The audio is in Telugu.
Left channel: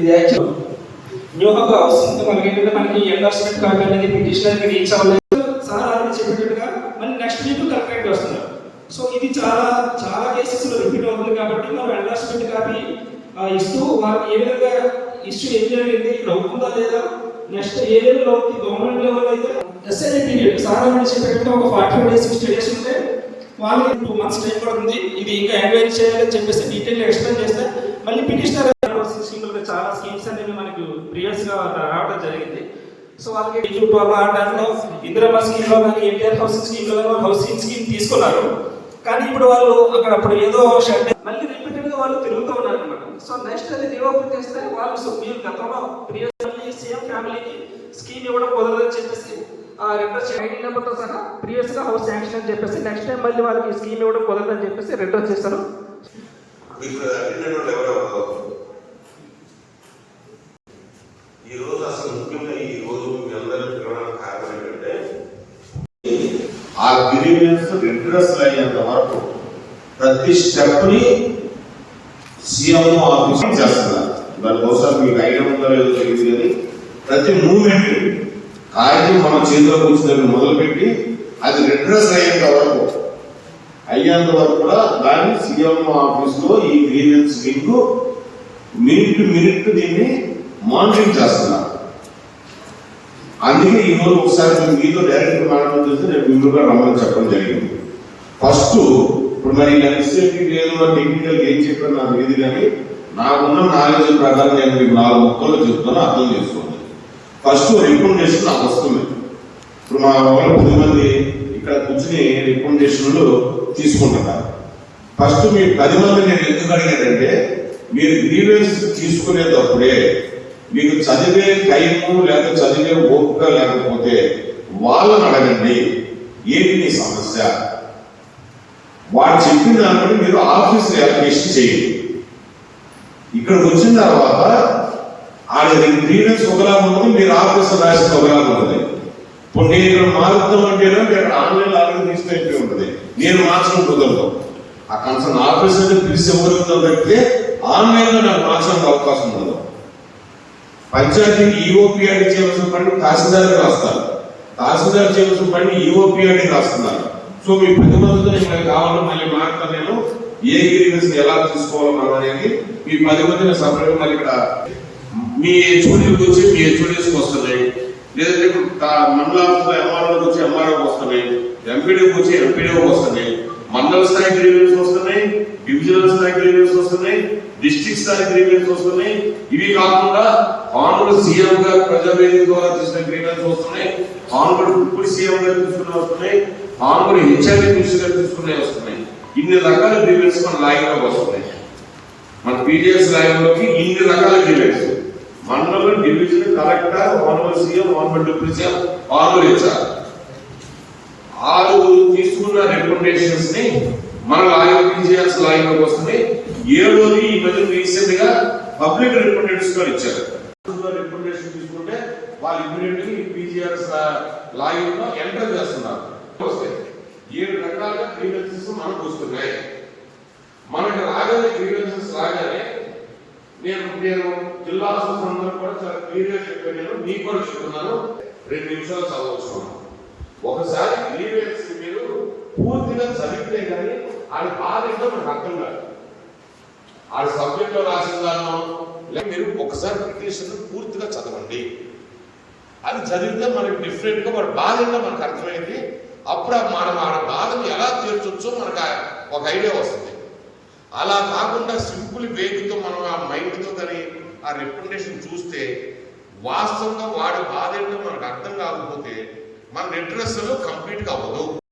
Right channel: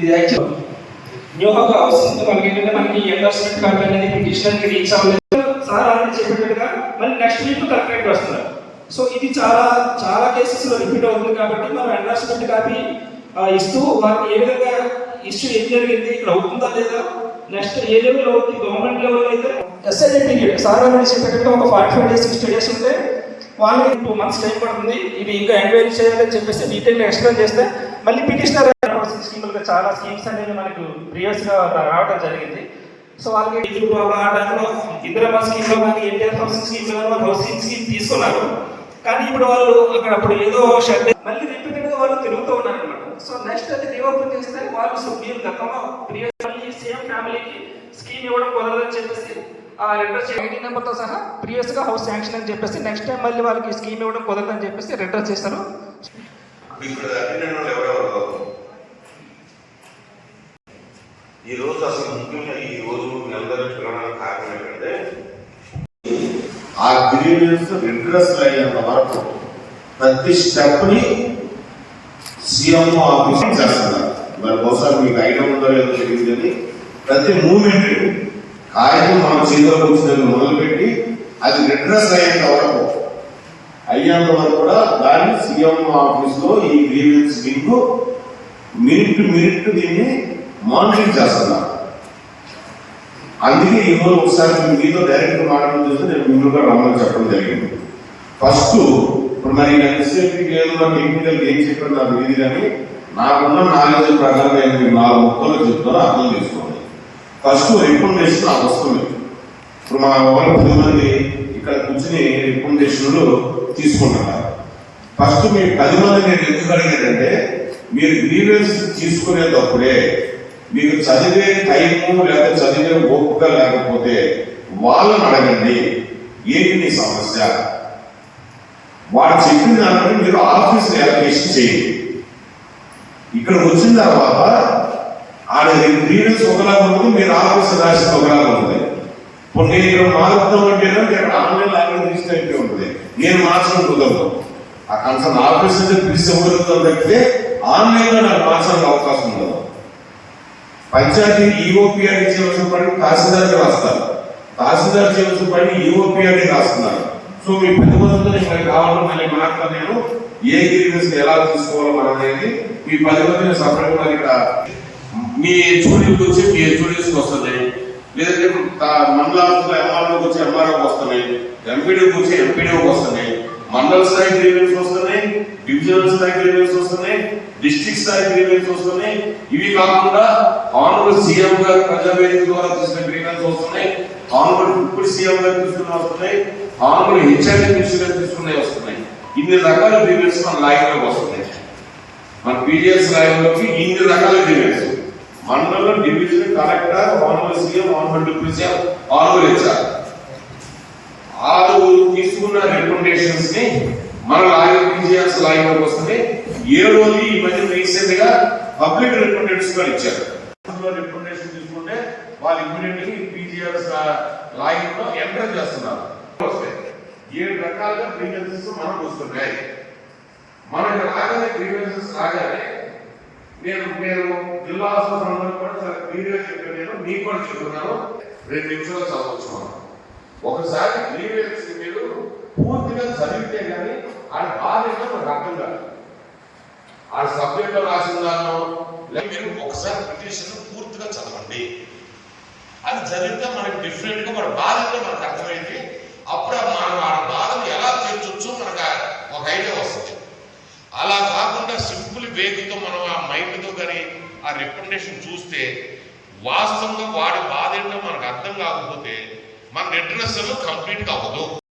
ఇది యాక్చువల్ న్యూ హబ్ వస్తుంది. మనకి ఏంటంటే మనకి ఎండోర్స్మెంట్ కార్డు అనేది పిటిషనర్కి రీచ్ అవ్వలేదు సార్ ఆల్రెడీ చెప్పినట్టుగా మళ్ళీ నెక్స్ట్ వీక్ కలెక్టరేట్ వస్తున్నారు. సో ఇది చాలా చాలా కేసెస్లో రిపీట్ అవుతుంది కాబట్టి మనం ఎండోర్స్మెంట్ కాపీ ఇస్తూ వారికి ఏ విధంగా ఇష్యూ ఏం జరిగింది, ఇక్కడ అవుతుందా లేదా, నెక్స్ట్ ఏ లెవెల్లో అవుతుంది, గవర్నమెంట్ లెవెల్ అయితే ఎస్ఐజీ పీరియడ్ సార్ చెప్పేట్టుగా ఒక 45 days 60 days ఉంటే వాళ్ళు 2 months టైం పడుతుంది. ఇది ఇంకా ఎంక్వైరీ చేయాలని చెప్పేసి డీటెయిల్ ఎక్స్ప్లెయిన్ చేస్తే మళ్ళీ పిటిషనర్ స్కీములుగా చాలా స్కీమ్స్ అనేవి మనకు ప్రీవియస్గా రావడం జరిగింది. సో వాళ్ళకి ఆ టైంలో ఇందిరమ్మ స్కీమ్లో కానీ ఎన్టీఆర్ హౌసింగ్ స్కీమ్లో కానీ వాళ్ళు హౌసింగ్ స్కీమ్ తీసుకున్నారు. కానీ ఇప్పుడు వాళ్ళు అక్కడ అప్పుడు ఏదో షెడ్ మళ్ళీ రిపీటెడ్గా వాళ్ళు తిరుగుతూ ఉన్నారు అనమాట. సో నెక్స్ట్ అది రీఓపెన్ చేస్తే వాళ్ళు మీరు గతంలో ప్రీవియస్ మళ్ళీ సేమ్ ఫ్యామిలీకి స్కీమ్ ఇవ్వడం కుదరదని చెప్పేసి ఆ రెండర్ ఐడి నెంబర్తో సహా ప్రీవియస్గా హౌస్ శాంక్షన్ అని చెప్పేసి నెక్స్ట్ టైం మళ్ళీ వాళ్ళకి స్కీమ్ ఇవ్వడం కుదరదని చెప్పేసి రెండర్ చేస్తారు. ఈ రోజు అసలు ముఖ్యంగా ఈ రోజు మీ అందరికీ పిలవడానికి కారణం ఏంటంటే ఆ గ్రీవెన్స్ రిడ్రెస్ అయ్యేంత వరకు ప్రతి స్టెప్ ని సీఎం ఆఫీస్ చేస్తున్నారు. దానికోసం మీకు ఐడియా ఉందో లేదో తెలియదు కానీ ప్రతి మూమెంట్ కాగితం మనం చేతిలో కూర్చొని మొదలుపెట్టి అది రిడ్రెస్ అయ్యేంత వరకు కూడా దాన్ని సీఎం ఆఫీస్ లో ఈ గ్రీవెన్స్ మీకు మినిట్ దీన్ని మానిటరింగ్ చేస్తున్నారు. అందుకే ఈ రోజు ఒకసారి మీతో డైరెక్ట్ మాట్లాడడం చేస్తే నేను ముందుగా రమ్మని చెప్పడం జరిగింది. ఫస్ట్ ఇప్పుడు మరి టెక్నికల్ ఏం చెప్పారు నాకు తెలియదు కానీ నాకున్న నాలెడ్జ్ ప్రకారం నేను మీకు 4 ముక్కలు చెప్తాను, అర్థం చేసుకోండి. ఫస్ట్ రికమెండేషన్ నాకు వస్తుంది. ఇప్పుడు మా వాళ్ళు 10 మంది ఇక్కడ కూర్చుని రికమెండేషన్లు తీసుకుంటున్నారు. ఫస్ట్ మీ 10 మంది నేను ఎందుకు అడిగానంటే మీరు గ్రీవెన్స్ తీసుకునేటప్పుడే మీకు చదివే టైము లేక చదివే ఓపిక లేకపోతే వాళ్ళని అడగండి ఏంటి మీ సమస్య, వాళ్ళు చెప్పిన దాన్ని మీరు ఆఫీస్ అప్లికేషన్ చేయండి. ఇక్కడికి వచ్చిన తర్వాత ఆయన గ్రీవెన్స్ ఒకలాగా ఉంది, మీరు ఆఫీస్ రాసిన ఒకలాగా ఉంది. ఇప్పుడు నేను ఇక్కడ మారుతాం అంటే ఆన్లైన్ ఆర్గనైజ్ అయితే ఉంటుంది, నేను మార్చడం కుదరదు. ఆ కన్సర్న్ ఆఫీస్ అయితే పిలిచి ఇవ్వగలుగుతాం తప్పితే ఆన్లైన్ లో నాకు మార్చడానికి అవకాశం ఉండదు. పంచాయతీ ఈఓపీఆర్డీ చేయవలసిన పని తహసీల్దార్ రాస్తారు, తహసీల్దార్ చేయవలసిన పని ఈఓపీఆర్డీ రాస్తున్నారు. సో మీ 10 మందితో నేను కావాలని మళ్ళీ మాట్లాడతాను. నేను ఏ గ్రీవెన్స్ ఎలా తీసుకోవాలి మనం అనేది మీ 10 మందిని సపరేట్ మరి ఇక్కడ మీ హెచ్ఓడీకి వచ్చి మీ హెచ్ఓడీస్కి వస్తున్నాయి, లేదంటే మండలాలకు ఎంఆర్ఓకి వచ్చి ఎంఆర్ఓకి వస్తున్నాయి, ఎంపీడీకి వచ్చి ఎంపీడీకి వస్తున్నాయి, మండల స్థాయి గ్రీవెన్స్ వస్తున్నాయి, డివిజనల్ స్థాయి గ్రీవెన్స్ వస్తున్నాయి, డిస్ట్రిక్ట్ స్థాయి గ్రీవెన్స్ వస్తున్నాయి. ఇవి కాకుండా ఆనరబుల్ సీఎం గారు ప్రజావేదిక ద్వారా తీసిన గ్రీవెన్స్ వస్తున్నాయి, ఆనరబుల్ డిప్యూటీ సీఎం గారు తీసుకునే వస్తున్నాయి, ఆనరబుల్ హెచ్ఐడి మినిస్టర్ తీసుకునే వస్తున్నాయి. ఇన్ని రకాల గ్రీవెన్స్ మన లాయర్లోకి వస్తున్నాయి. మన పీడిఎస్ లాయర్లోకి ఇన్ని రకాల గ్రీవెన్స్ మండలం, division, collector, honourable CM, honourable deputy CM, honourable HR 6 తీసుకున్న రికమెండేషన్స్ ని మన లాయర్ పీజీఎస్ లాయర్ వస్తుంది. 7వది ఈ మధ్య రీసెంట్ గా పబ్లిక్ రిప్రజెంటేటివ్స్ గా ఇచ్చారు. రిప్రజెంటేషన్ తీసుకుంటే వాళ్ళు ఇమ్మీడియట్లీ పీజీఎస్ లాయర్ లో ఎంటర్ చేస్తున్నారు. 7 రకాల గ్రీవెన్సెస్ మనకు వస్తున్నాయి. మనకి రాగానే గ్రీవెన్సెస్ రాగానే నేను జిల్లా సందర్భంగా కూడా చాలా క్లియర్ గా చెప్పాను. నేను మీకు కూడా చెప్తున్నాను, 2 నిమిషాలు చదవచ్చు. ఒకసారి గ్రీవెన్స్ మీరు పూర్తిగా చదివితే కానీ అది బాధ్యత మనకు అర్థం కాదు. ఆ సబ్జెక్ట్ లో రాసిన దాన్ని మీరు ఒకసారి పిటిషన్ పూర్తిగా చదవండి. అది చదివితే మనకి డిఫరెంట్ గా మన బాధగా మనకు అర్థమైంది. అప్పుడు మనం ఆ బాధను ఎలా తీర్చొచ్చో మనకు ఒక ఐడియా వస్తుంది. అలా కాకుండా సింపుల్ వేగంతో మనం ఆ మైండ్తో కానీ ఆ రికమెండేషన్ చూస్తే వాస్తవంగా వాడి బాధ ఏంటో మనకు అర్థం కాకపోతే మన రిడ్రెస్ కంప్లీట్ గా అవ్వదు.